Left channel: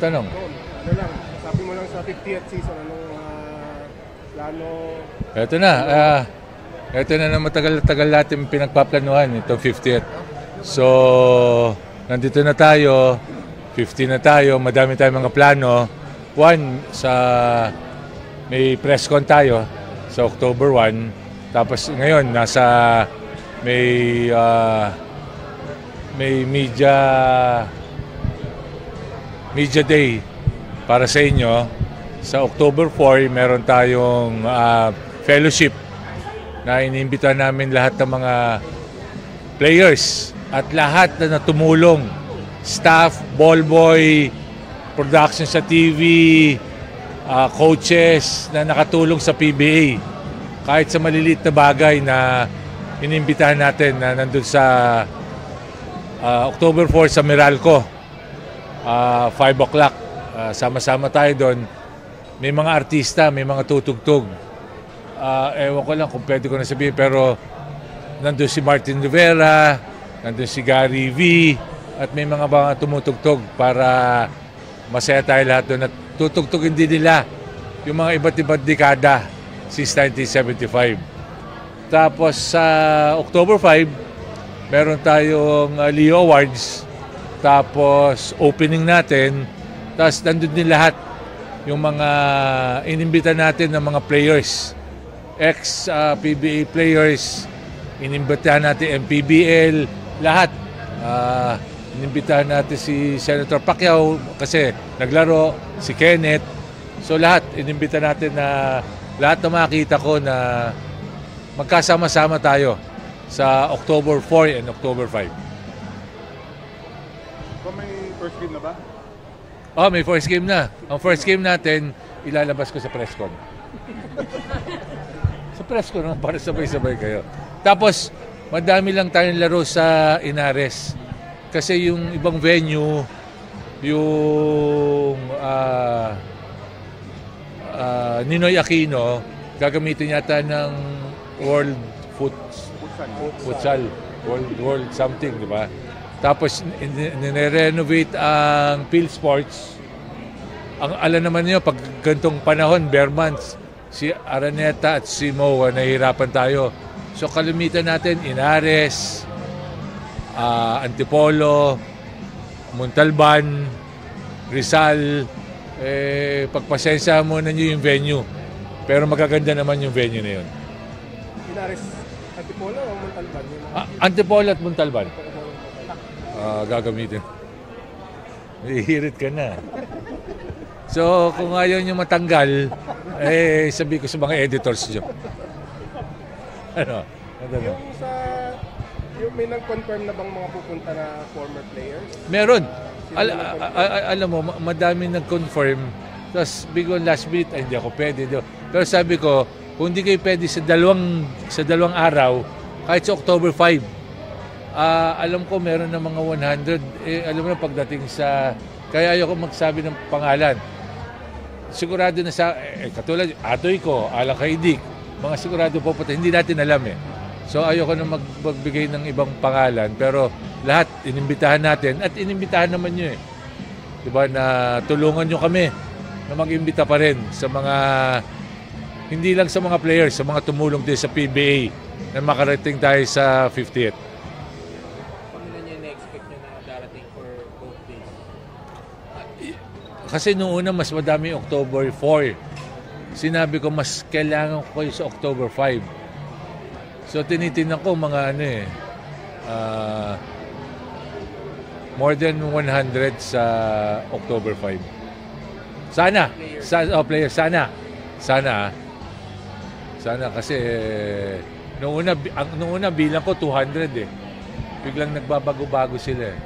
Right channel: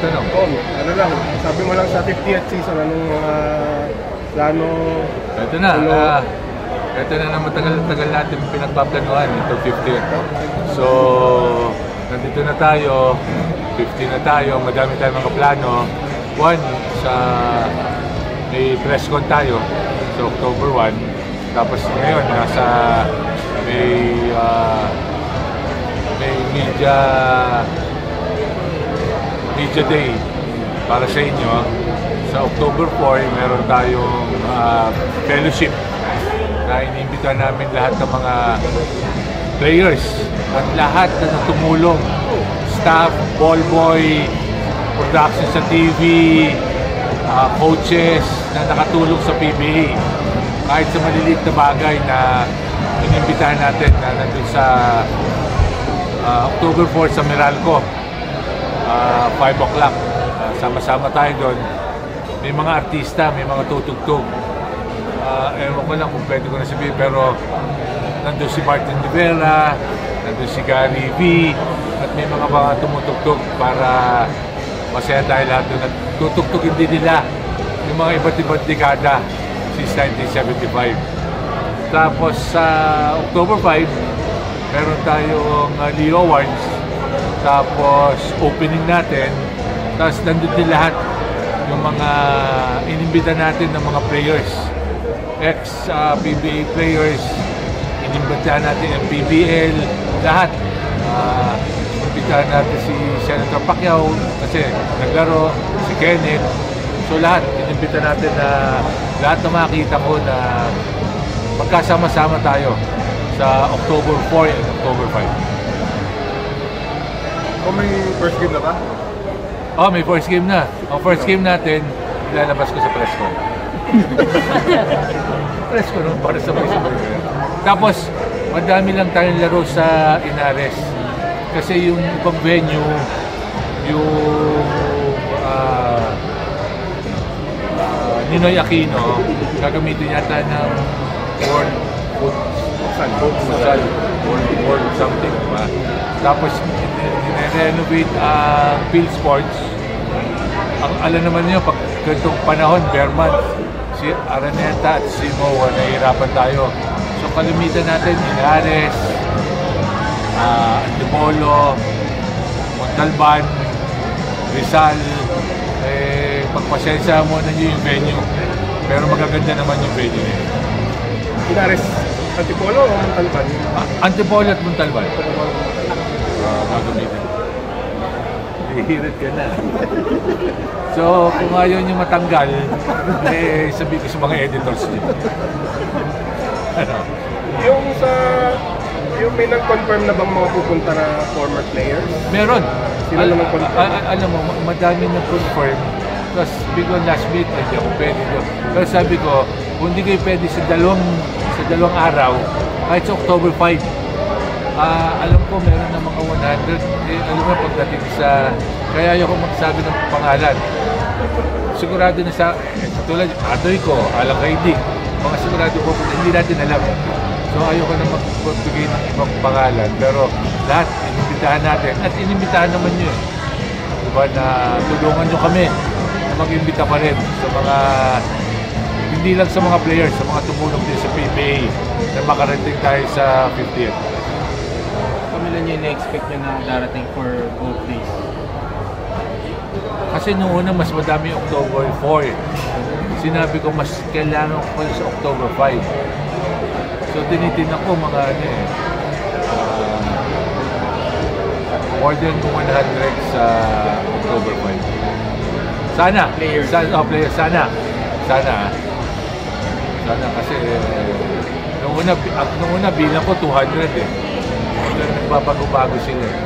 tanong? Ano lang, sabi mo lang sa 50th season, anong mga plano? Ito na. Ito na ng matagal-tagal natin pinagpaplanuhan, ito 50th. So, nandito na tayo, 50 na tayo, madami tayong mga plano. One, may press con tayo sa October 1. Tapos ngayon, may media day para sa inyo. Sa October 4, meron tayong fellowship na iniimbita namin lahat ng mga players at lahat na tumulong, staff, ball boy, production sa TV, coaches na nakatulong sa PBA. Kahit sa maliliit na bagay na iniimbitahan natin na nandun sa October 4 sa Meralco, 5 o'clock. Sama-sama tayo doon. May mga artista, may mga tutugtog. Ewan ko lang kung pwede ko na sabihin, pero nandun si Martin Rivera, nandun si Gary V, at may mga tumutugtog para masaya tayo lahat doon. At tutugtugin din nila yung mga iba't ibang dekada since 1975. Tapos sa October 5, meron tayong Leo Awards. Tapos opening natin. Tapos nandun din lahat yung mga inimbita natin ng mga players. Ex-PBA players, inimbitahan natin MPBL, lahat. Inimbitahan natin si Senator Pacquiao kasi naglaro, si Kenneth. So lahat, inimbita natin na lahat na makita ko na magkasama-sama tayo sa October 4 and October 5. May first game na ba? May first game na. Ang first game natin, ilalabas ko sa press ko. Press ko, no? Para sabay-sabay kayo. Tapos, madami lang tayong laro sa Inares. Kasi yung ibang venue, yung Ninoy Aquino, gagamitin yata ng World Futsal, World something, diba? Tapos, nire-renovate ang Field Sports. Ang alam naman niyo, pag ganitong panahon, bare months, si Araneta at si Moa, nahihirapan tayo. So, kalimitan natin, Inares, Antipolo, Montalban, Rizal. Pagpasensya mo na niyo yung venue. Pero magaganda naman yung venue niya. Inares, Antipolo o Montalban? Antipolo at Montalban. Gagamitin. Hihirit ka na. So, kung ayaw nyo matanggal, sabihin ko sa mga editors nyo. Ano? Yung may nag-confirm na bang mga pupunta na former players? Meron. Alam mo, madami nag-confirm. Tapos, bigla last minute, hindi ako pwede. Pero sabi ko, kung hindi kayo pwede sa dalawang araw, kahit sa October 5, alam ko meron na mga 100. Alam mo, pagdating sa... Kaya ayaw ko magsabi ng pangalan. Sigurado na sa... tulad yung Atoy ko, Alakaidig, mga sigurado po, hindi natin alam eh. So ayaw ko na magbigay ng ibang pangalan. Pero lahat, inimbitahan natin. At inimbitahan naman nyo eh. Diba, na tulungan nyo kami na mag-imbita pa rin sa mga... Hindi lang sa mga players, sa mga tumulong din sa PBA na makarating tayo sa 50th. Kamilan nyo na-expect nyo na darating for both days? Kasi noong una mas madami yung October 4. Sinabi ko mas kailangan ko sa October 5. So tinitingnan ko mga more than 100 sa October 5. Sana. Players. Sana kasi noong una bilang ko 200 eh. Biglang nagbabago-bago sila eh.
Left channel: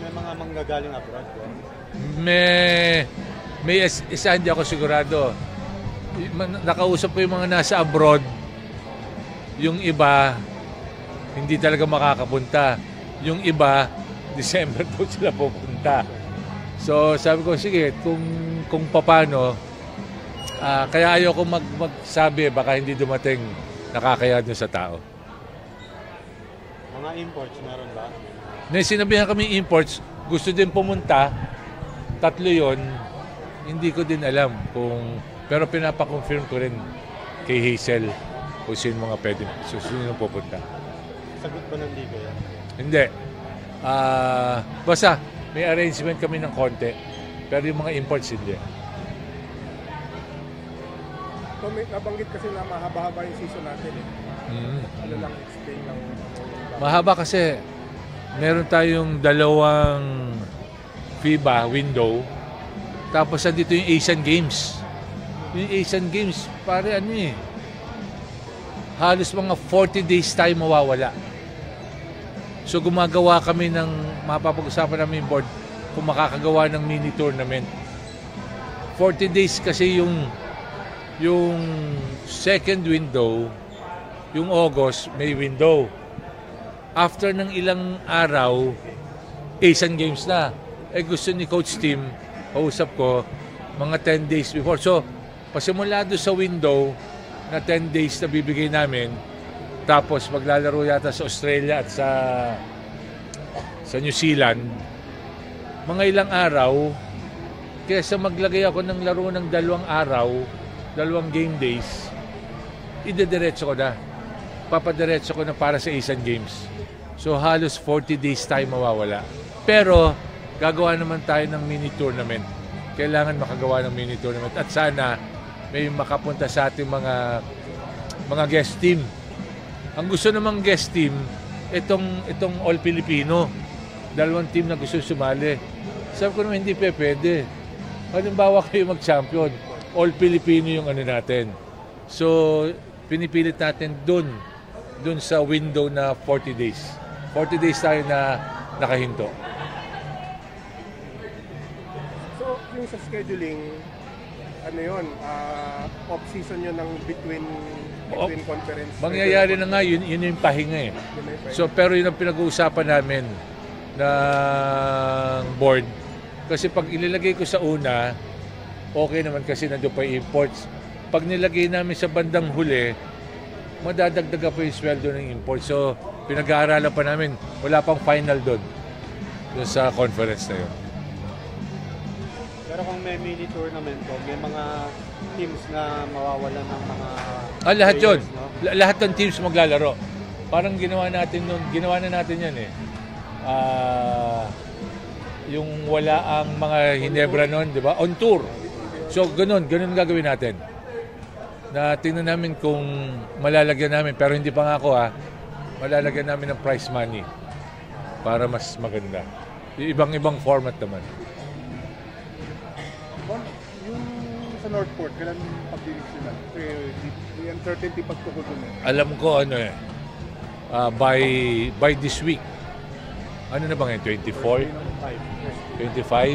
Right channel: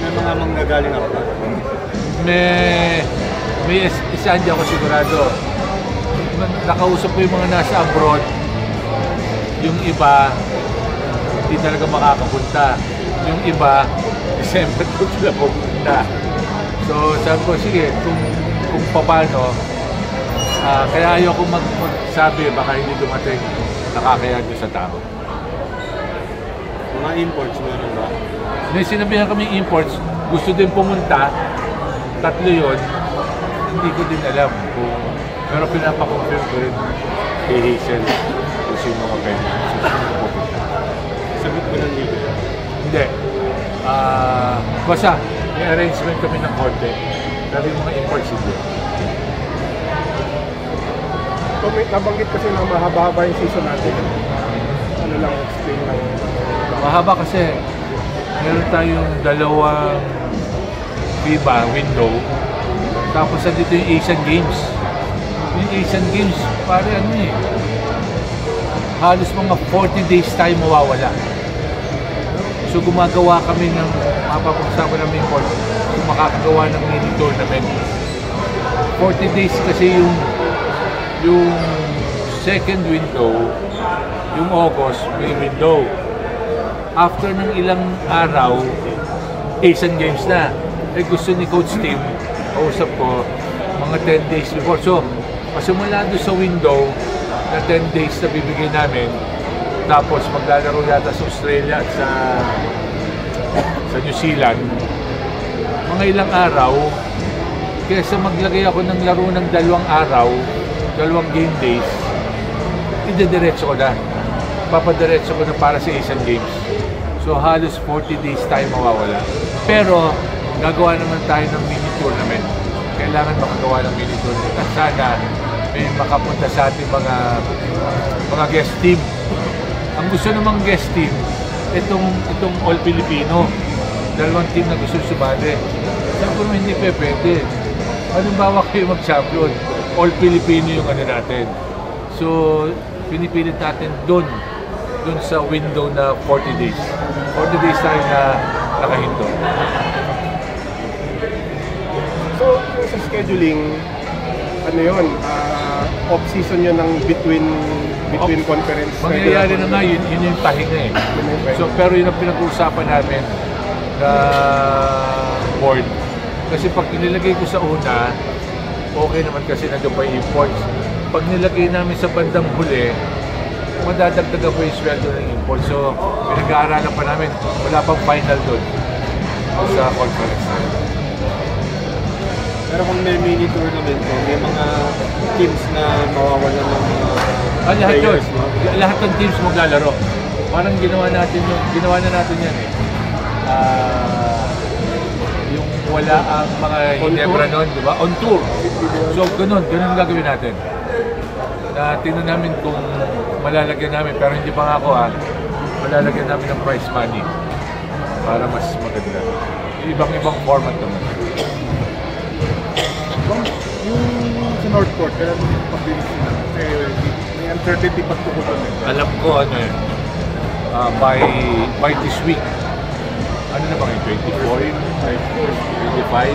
May mga manggagaling ako ba? May isa hindi ako sigurado. Nakausap ko yung mga nasa abroad. Yung iba, hindi talaga makakapunta. Yung iba, December doon sila pupunta. So sabi ko, sige, kung paano, kaya ayoko magsabi, baka hindi dumating, nakakaya nyo sa tao. Mga imports meron ba? May sinabihan kami imports, gusto din pumunta, tatlo yun, hindi ko din alam kung, pero pinapakonfirm ko rin kay Hazel kung sino mga pwede susunod pupunta. Sagot mo ng liga. Hindi. Basta, may arrangement kami ng konti, pero yung mga imports hindi. So, may nabanggit kasi na mahaba-haba yung season natin. Ano lang, explain lang. Mahaba kasi meron tayong dalawang FIBA window, tapos andito yung Asian Games. Yung Asian Games, pare ano eh, halos mga 40 days tayo mawawala. So gumagawa kami ng, mapapag-usapan namin kung makakagawa ng mini tournament. 40 days kasi yung second window, yung August, may window. After ng ilang araw, Asian Games na. Eh gusto ni Coach Steve, kausap ko, mga 10 days before. So, pasimula doon sa window na 10 days na bibigay namin, tapos maglalaro yata sa Australia at sa New Zealand. Mga ilang araw, kaysa maglagay ako ng laro ng 2 araw, 2 game days, idediretso ko na. Papadiretso ko na para sa Asian Games. So halos 40 days tayo mawawala. Pero gagawa naman tayo ng mini tournament. Kailangan makagawa ng mini tournament. At sana may makapunta sa ating mga guest team. Ang gusto namang guest team, itong All Filipino. 2 team na gusto sumali. Sabi ko hindi pwede. Halimbawa kayo mag-champion, All Filipino yung ano natin. So, pinipilit natin doon sa window na 40 days. 40 days tayo na nakahinto. So, yung sa scheduling, ano yun, off-season yun ng between conference. Mangyayari na nga, yun yung pahinga eh. So, pero yun ang pinag-uusapan namin na board. Kasi pag inilagay ko sa una, okay naman kasi nandiyo pa yung imports. Pag nilagay namin sa bandang huli, madadagdagan po yung sweldo ng import. So, pinag-aaralan pa namin. Wala pang final doon sa conference na yun. Pero kung may mini tournament ko, may mga teams na mawawalan ng mga Lahat yun. players, no? Lahat ng teams maglalaro. Parang ginawa na natin yan eh. Yung wala ang mga Ginebra noon, di ba? On tour. So, ganun gagawin natin. Na tingnan namin kung malalagyan namin, pero hindi pa nga ako malalagyan namin ng prize money para mas maganda. Yung ibang format naman. Yung sa Northport, pero yung pag-bilis nila, kasi may uncertainty pagtukod doon. Alam ko by this week, ano na ba ngayon, 24, 25,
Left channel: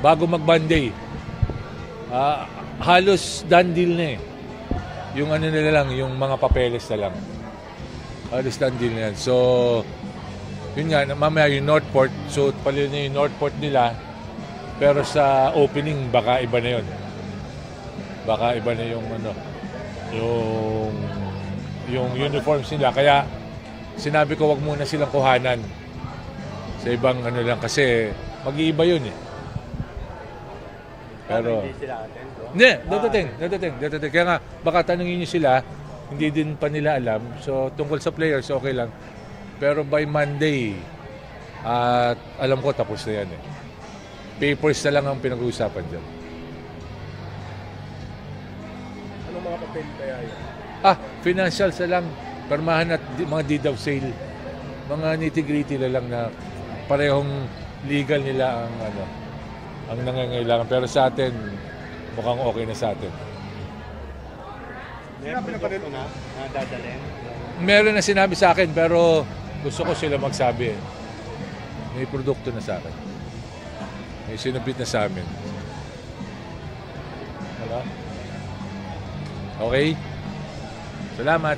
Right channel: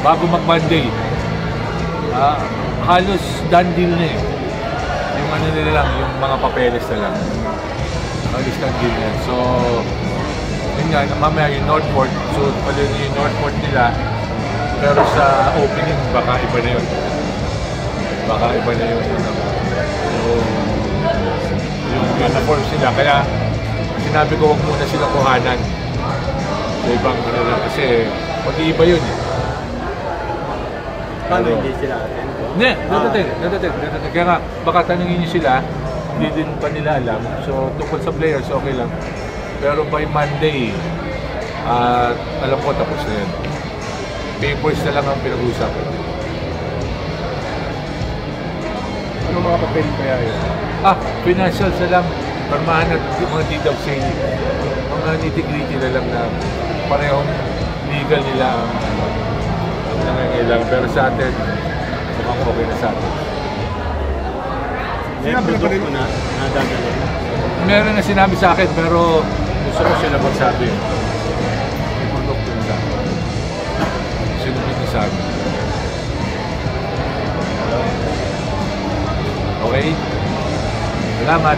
bago mag-Monday, halos done deal na eh. Yung ano nila lang, yung mga papeles na lang. Halos done deal na yan. So, yun nga, mamaya yung Northport, so pala yung Northport nila, pero sa opening, baka iba na yun. Baka iba na yun. So, yung uniform sila, kaya sinabi ko wag muna silang kuhanan sa ibang ano lang kasi mag-iiba yun eh. Paano hindi sila attend? Hindi, dadating. Kaya nga, baka tanungin niyo sila, hindi din pa nila alam. So, tungkol sa players, okay lang. Pero by Monday, alam ko tapos na yan. Papers na lang ang pinag-uusapan. Ano mga papel kaya yun? Financials na lang. Permahan at mga deed of sale. Mga nitty-gritty na lang na parehong legal nila ang nangangailangan. Pero sa atin, mukhang okay na sa atin. May produkto na dadalhin. Meron na sinabi sa akin pero gusto ko sila magsabi. May produkto na sa akin. Sinupit na sa akin. Okay? Salamat.